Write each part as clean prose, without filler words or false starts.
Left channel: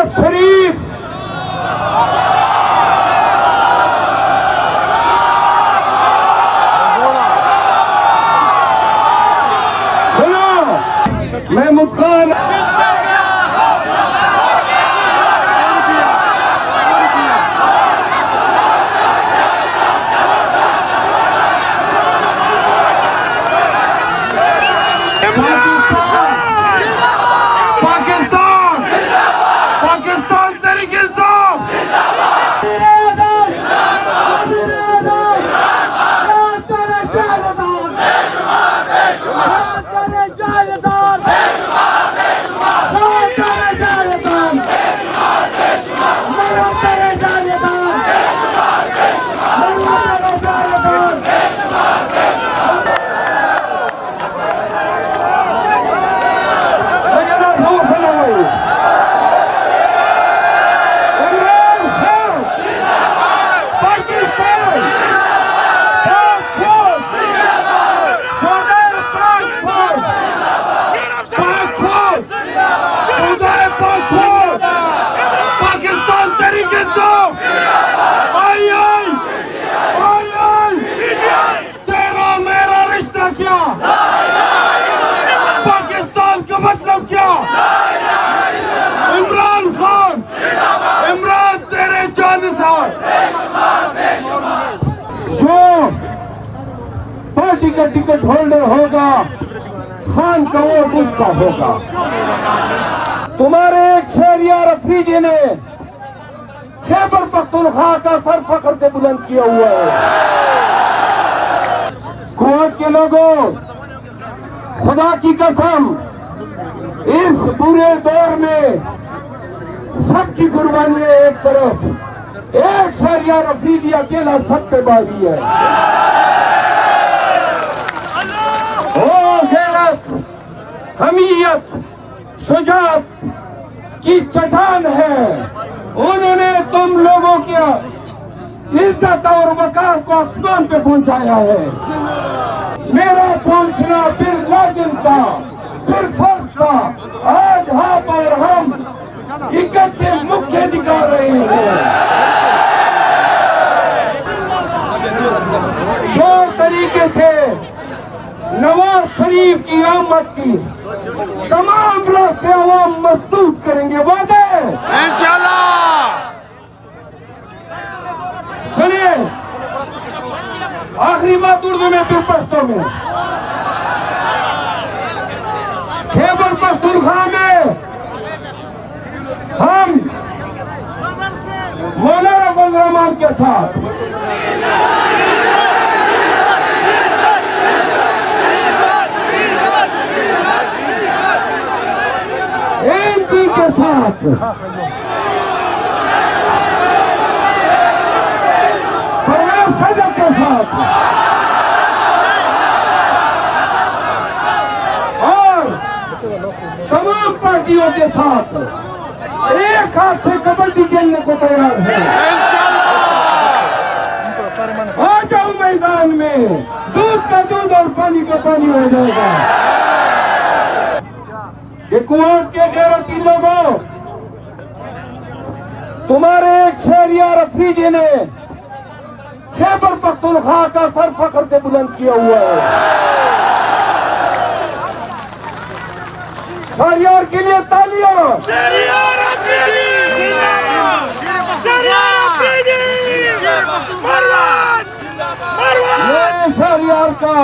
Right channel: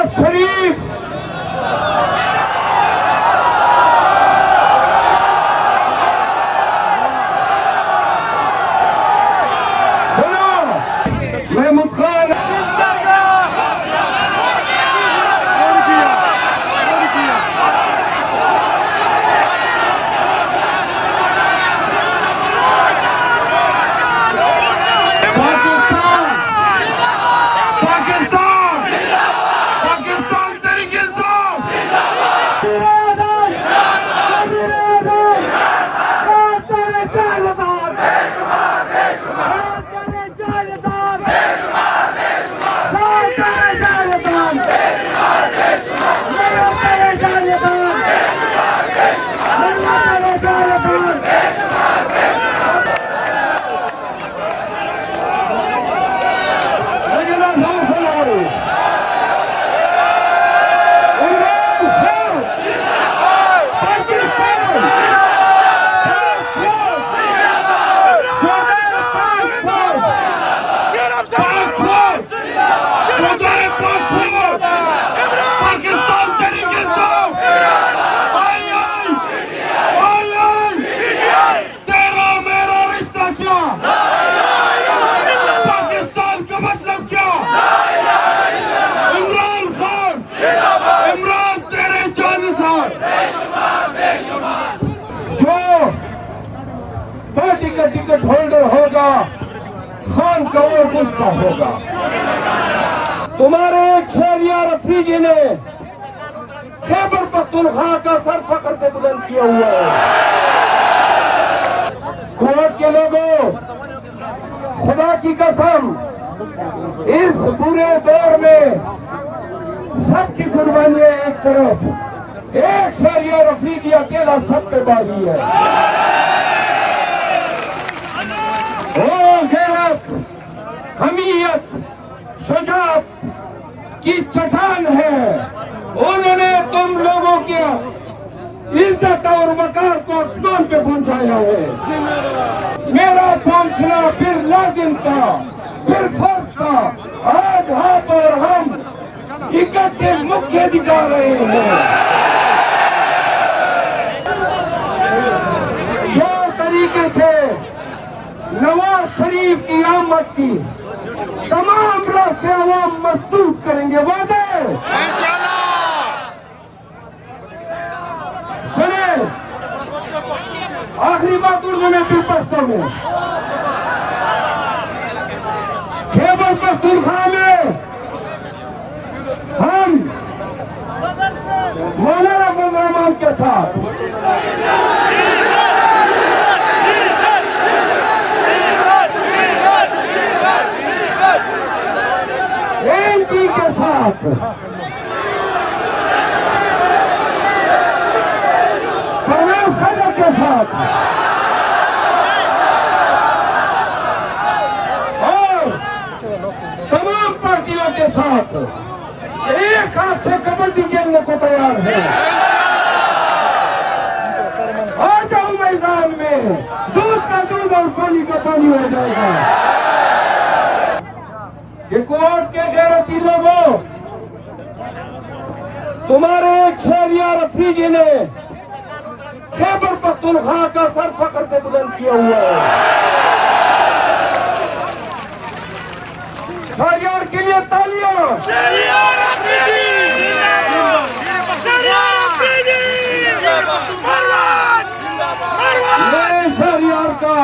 Nawaz Sharif Mahmood Khan party का ticket holder होगा, खान का वोट उसका होगा। तुम्हारे शहरियार अफरीदी ने खैबर पख्तूनख्वा का सर फख्र से बुलंद किया हुआ है। कोर्ट के लोगों, खुदा की कसम, इस बुरे दौर में सबकी कुर्बानियां एक तरफ, एक शहरियार अफरीदी अकेला सब पे बाकी है। हमीयत, शुजाअत की चट्टान है। उन्होंने तुम लोगों की इज्जत और वकार को आसमान पे पहुंचाया है। मेरा पहुंचना फिर लाजिम था, फिर फर्ज था। आज हाथ और हम इकट्ठे मुख्य दिखा रहे हैं। जिस तरीके से नवाज शरीफ की आमद की तमाम रास्ते वो मजबूत करेंगे। वादे इंशाल्लाह। सुनिए, आखिरी बात उर्दू में फिर पश्तो में। खैबर पख्तूनख्वा में हम मौलाना फजल रहमान के साथ के साथ परवेज सदर के साथ और तमाम पार्टियों के साथ एक हाथ से कबड्डी खेलने को तैयार है। आ जाओ मैदान में, दूध का दूध और पानी का पानी हो जाएगा। ये कुआट के गैरती लोगों, तुम्हारे शहरियार अफरीदी ने खैबर पख्तूनख्वा का सर फख्र से बुलंद किया हुआ है। शहरियार के लिए तालियां। शहरियार अफरीदी, शहरियार अफरीदी, मैं शहरियार का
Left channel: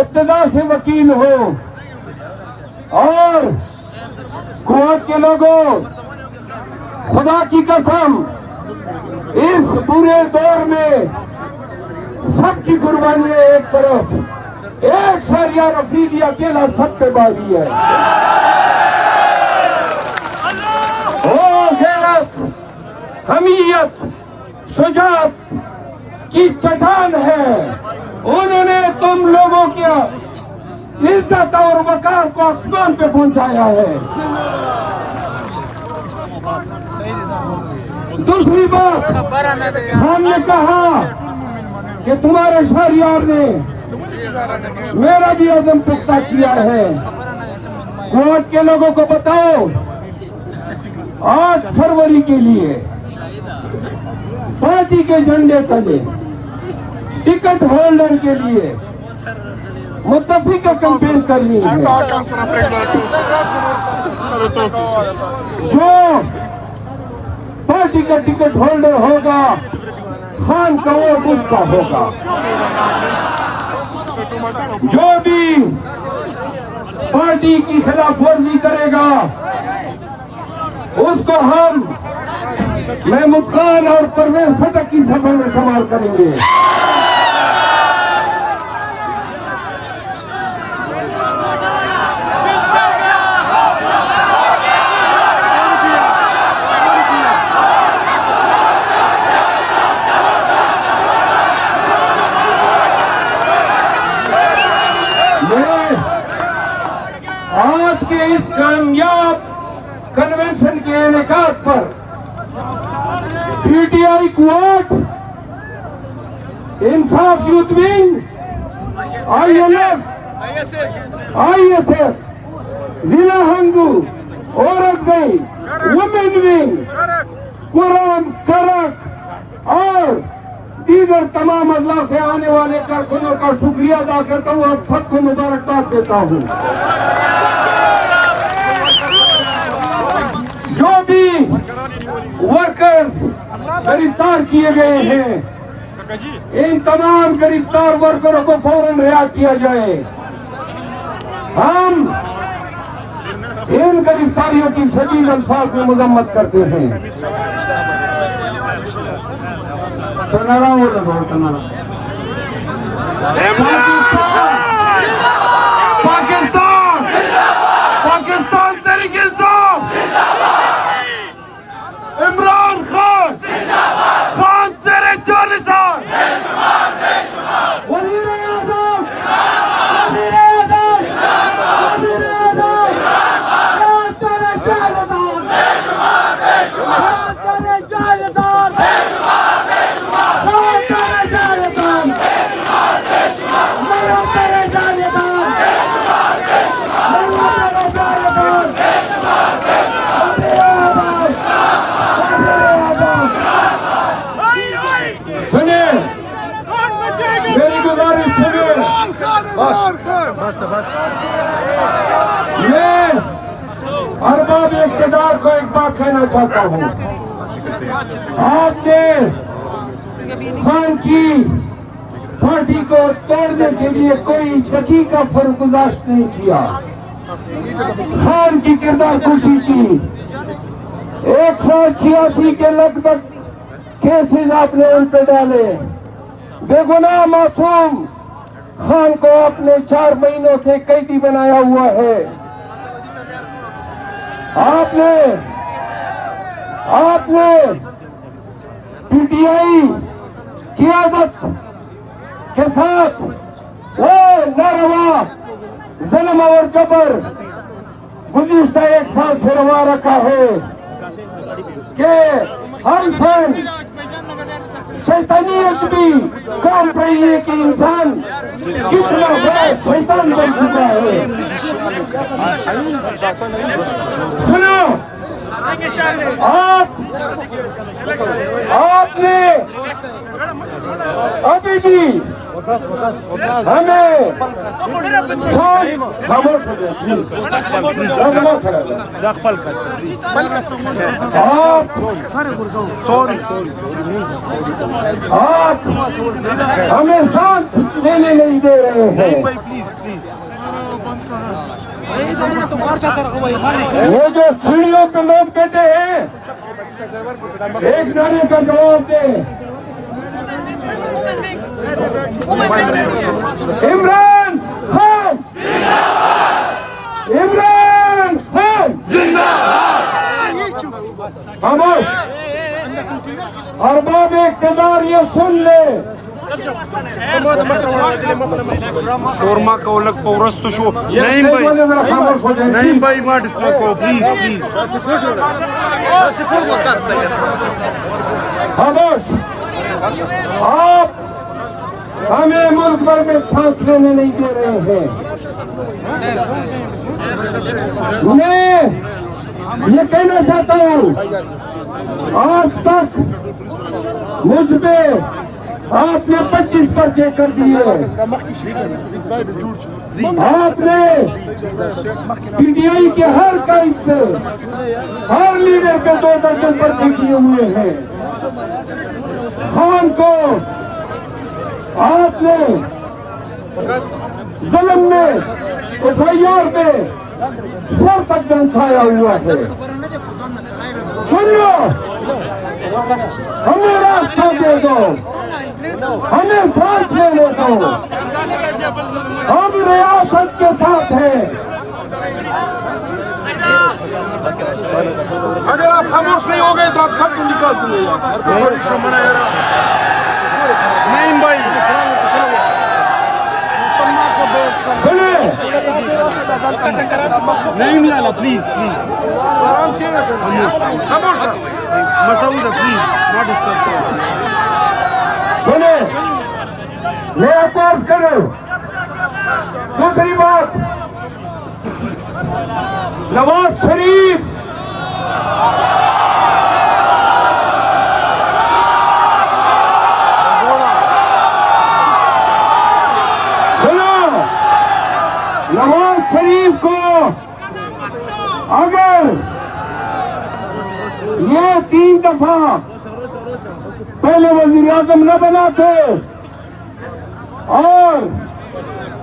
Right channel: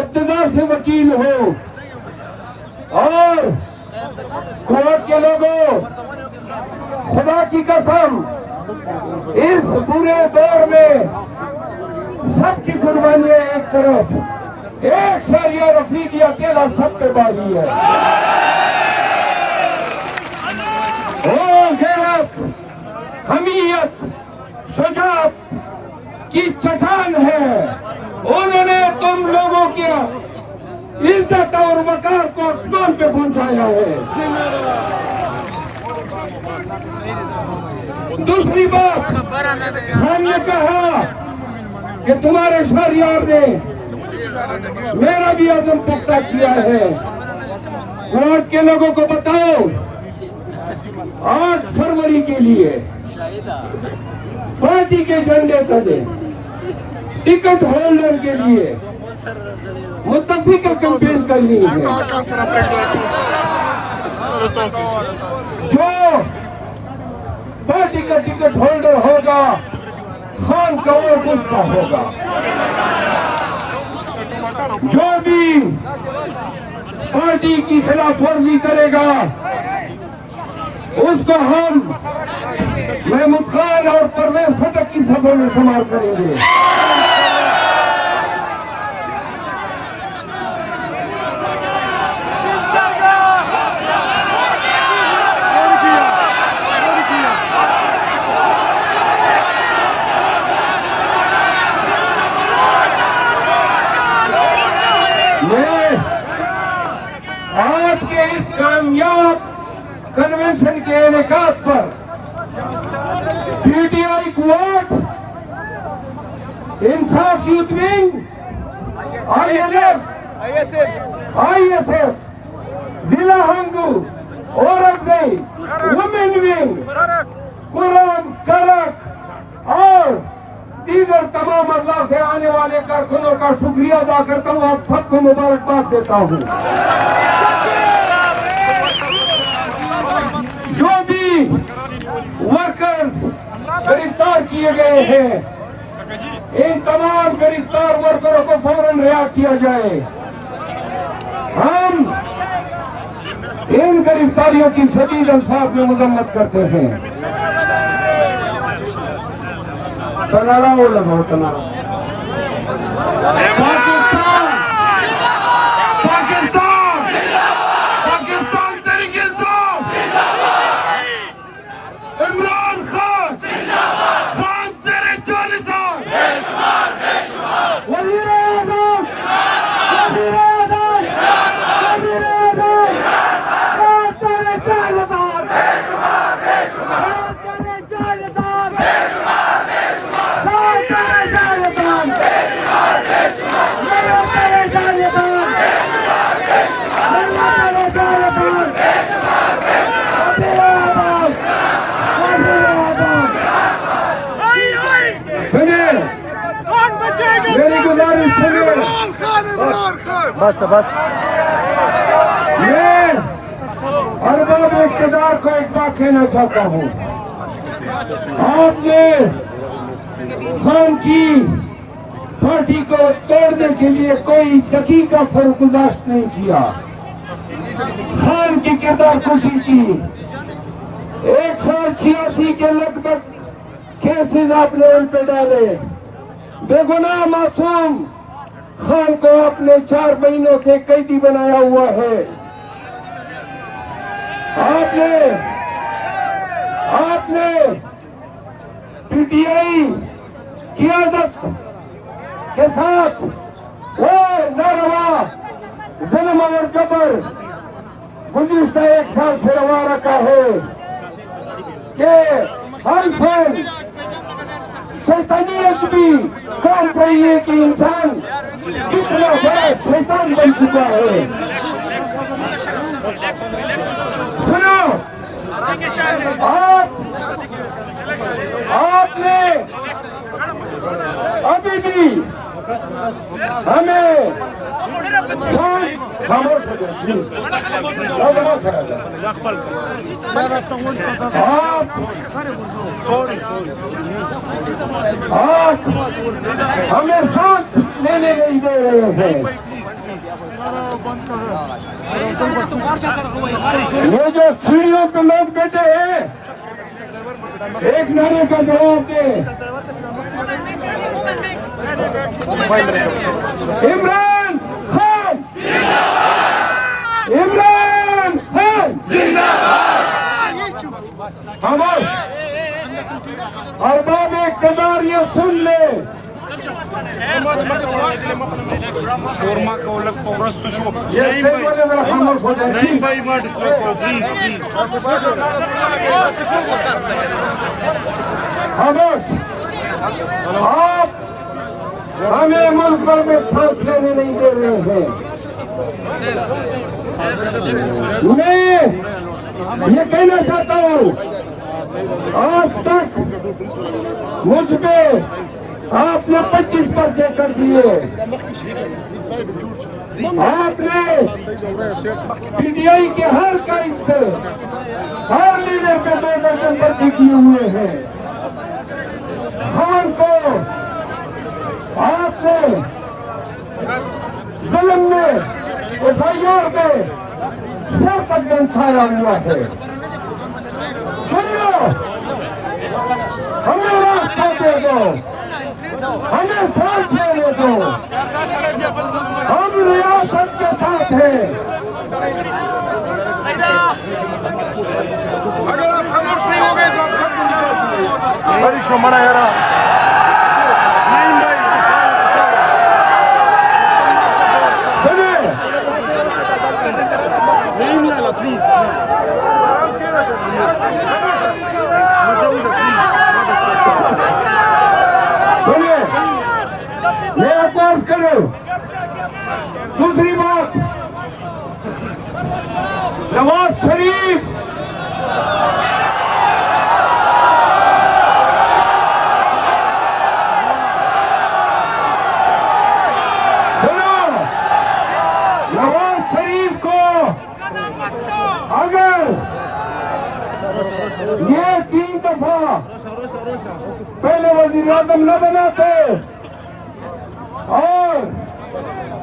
इब्तिदा से वकील हूँ और कोर्ट के लोगों, खुदा की कसम, इस बुरे दौर में सबकी कुर्बानियां एक तरफ, एक शहरियार अफरीदी अकेला सब पे बाकी है। ओ गैरत, हमीयत, शुजाअत की चट्टान है। उन्होंने तुम लोगों की इज्जत और वकार को आसमान पे पहुंचाया है। दूसरी बात, हमने कहा कि तुम्हारे शहरियार ने मेरा भी अज़म पुख्ता किया है। कोर्ट के लोगों को बताओ, 8 फरवरी के लिए पार्टी के झंडे तले टिकट होल्डर के लिए मुत्तफिका कैंपेन करनी है। जो पार्टी का टिकट होल्डर होगा खान का वोट उसका होगा। जो भी पार्टी की खिलाफवर्जी करेगा उसको हम महमूद खान और परवेज खटक की सभा में शामिल करेंगे। आज के इस कामयाब कन्वेंशन के इनेकाद पर पीटीआई क्वाड, इंसाफ यूथ विंग, आईएसएफ, जिला हंगू, औरत विंग, वुमेन विंग, कुरान करक और दीगर तमाम अल्लाह से आने वाले कारकुनों का शुक्रिया अदा करता हूँ। आप सबको मुबारकबाद देता हूँ। जो भी वर्कर्स गिरफ्तार किए गए हैं, इन तमाम गिरफ्तार वर्करों को फौरन रिहा किया जाए। हम इन गिरफ्तारियों की शदीद अल्फाज में मजम्मत करते हैं। पाकिस्तान तहरीक इंसाफ, इमरान खान खान तेरे 40 साल वज़ीर आज़म, तेरे 40 बस तो बस। मैं अरबाब इक़्तिदार को एक बात कहना चाहता हूँ। आपने खान की पार्टी को तोड़ने के लिए कोई दकीका फर्गुजाश्त नहीं किया। खान की किरदार खुशी की 186 के लगभग केसेस आपने उन पे डाले। बेगुनाह मासूम खान को आपने 4 महीनों से कैदी बनाया हुआ है। आपने पीटीआई क़ियादत के साथ वो नारवा जुल्म और जबर गुज़िश्ता 1 साल से रवा रखा है कि हर फैन शैतानियत भी काम रही है कि इंसान कितना बड़ा शैतान बन चुका है। सुनो, आपने अभी भी हमें खामोश हमें सांस लेने नहीं दे रहे हैं। ये जो सीढ़ियों पे लोग बैठे हैं, एक नारे का जवाब दे। इमरान खान जिंदाबाद, इमरान खान जिंदाबाद। अरबाब इक़्तिदार ये सुन ले। शोरमा का अलग पौरस्त शो नहीं भाई मां डिस्ट्रिक्ट प्लीज खामोश। आप हमें मुल्क भर में सांस लेने नहीं दे रहे हैं। मैं ये कहना चाहता हूँ, आज तक मुझ पे आपने 25 पर्चे कर दिए। आपने पीटीआई के हर कैद पे, हर लीडर पे 2 दर्जन पर्चे किए हुए हैं। खान को आपने जुल्म में, एफआईआर में सर तक दंसाया हुआ है। सुनियो, हमें रास्ता दे दो, हमें सांस लेने दो, हम रियासत के साथ हैं। अगर आप खामोश नहीं हो गए तो आप सब निकाल दिए। नहीं लाला प्लीज मसूद प्लीज सुने, मैं अर्ज करूं। दूसरी बात, नवाज शरीफ नवाज शरीफ को अगर ये 3 दफा पहले वजीर आजम न बनाते और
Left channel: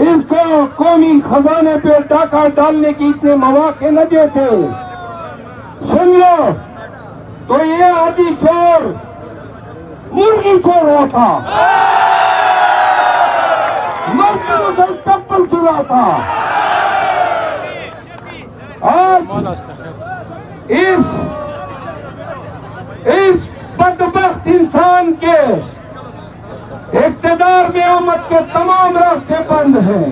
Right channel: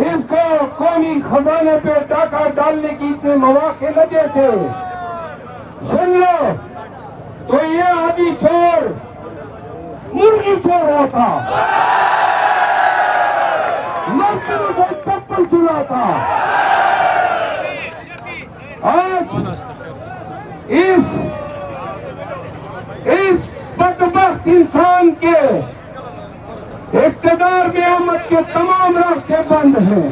इसको कौमी खजाने पे डाका डालने की इतने मौके न देते, सुन लो, तो ये आदि चोर मुर्गी चोर होता, मजदूरों से चप्पल चुराता। आज इस बदबख्त इंसान के इक़्तिदार में आमद के तमाम रास्ते बंद हैं।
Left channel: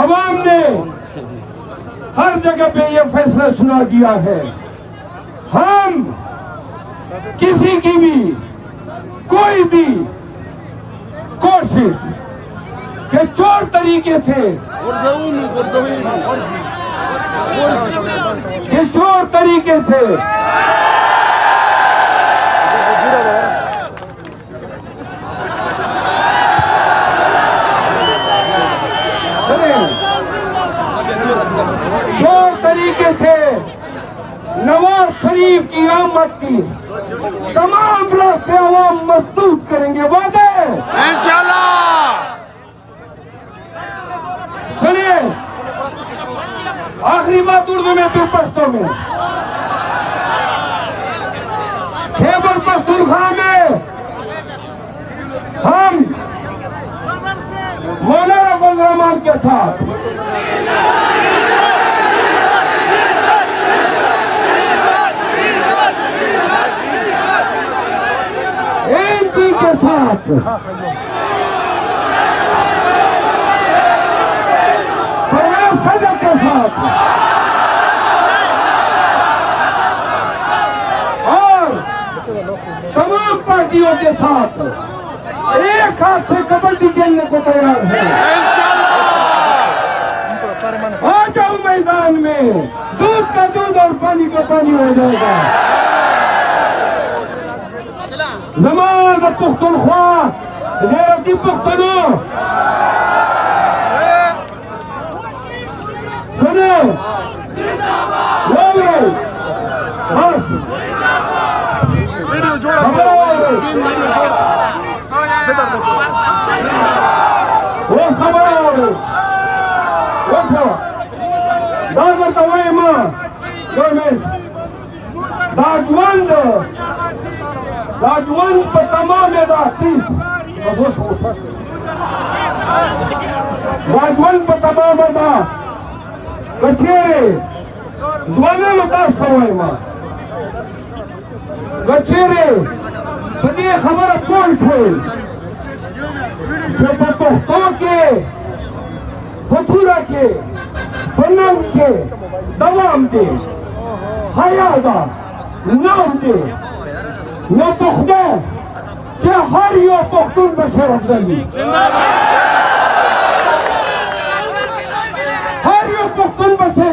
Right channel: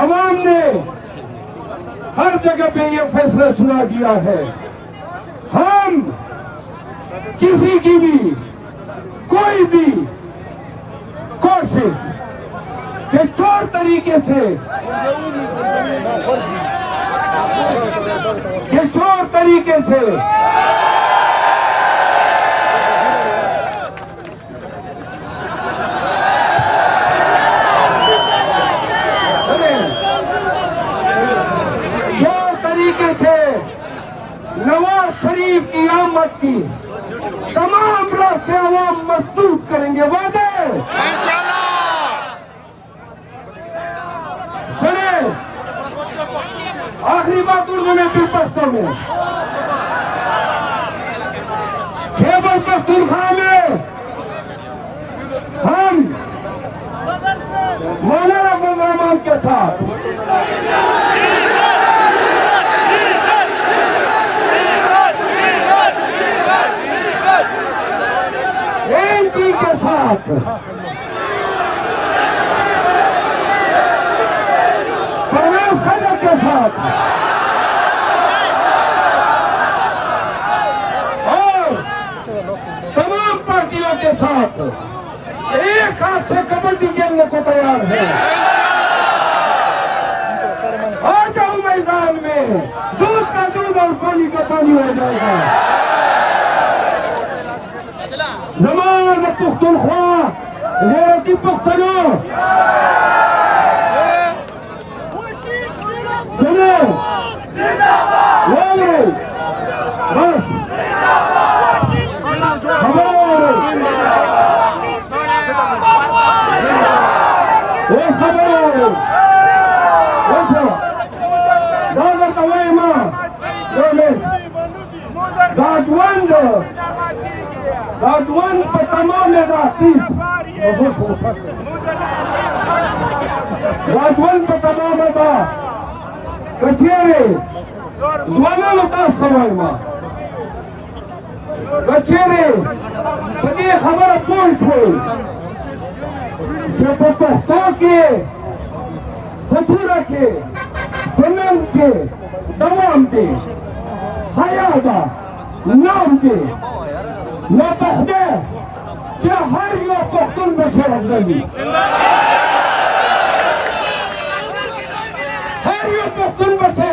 अवाम ने हर जगह पे ये फैसला सुना दिया है। हम किसी की भी कोई भी कोशिश के चोर तरीके से नवाज शरीफ की आमद की तमाम रास्ते अवाम मजबूत करेंगे। वादे इंशाल्लाह। सुनिए, आखिरी बात उर्दू में फिर पश्तो में। खैबर पख्तूनख्वा में हम मौलाना फजल रहमान के साथ के साथ सदर के साथ और तमाम पार्टियों के साथ एक हाथ से कबड्डी खेलने को तैयार है। आ जाओ मैदान में, दूध का दूध और पानी का पानी हो जाएगा। नमाज पुख्तनख्वा गैरती पुख्तनों, सुनिए, बस वो खबर हो गई। दादा तवाई माँ राजवंश पर तमाम राजवंश पर तमाम कचेरे जवाना उदास तवाई माँ कचेरे बने खबर कौन थे जो बख्तों के फतूरा के फनन के दवाम के हयादा नाम के न पुख्ता के हर यो पुख्तन बशर अफजली हर यो पुख्तन बशर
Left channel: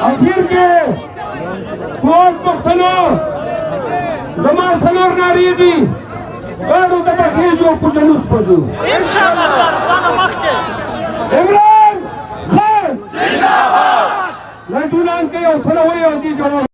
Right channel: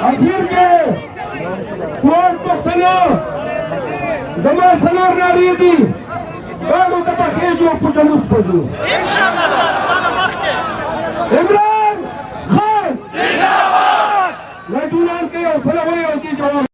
आखिर के कोट पख्तनो जमा सनर नारी दी और उधर के जो पुतलुस पदू इमरान खान जिंदाबाद लजुनान के सनोए होती जो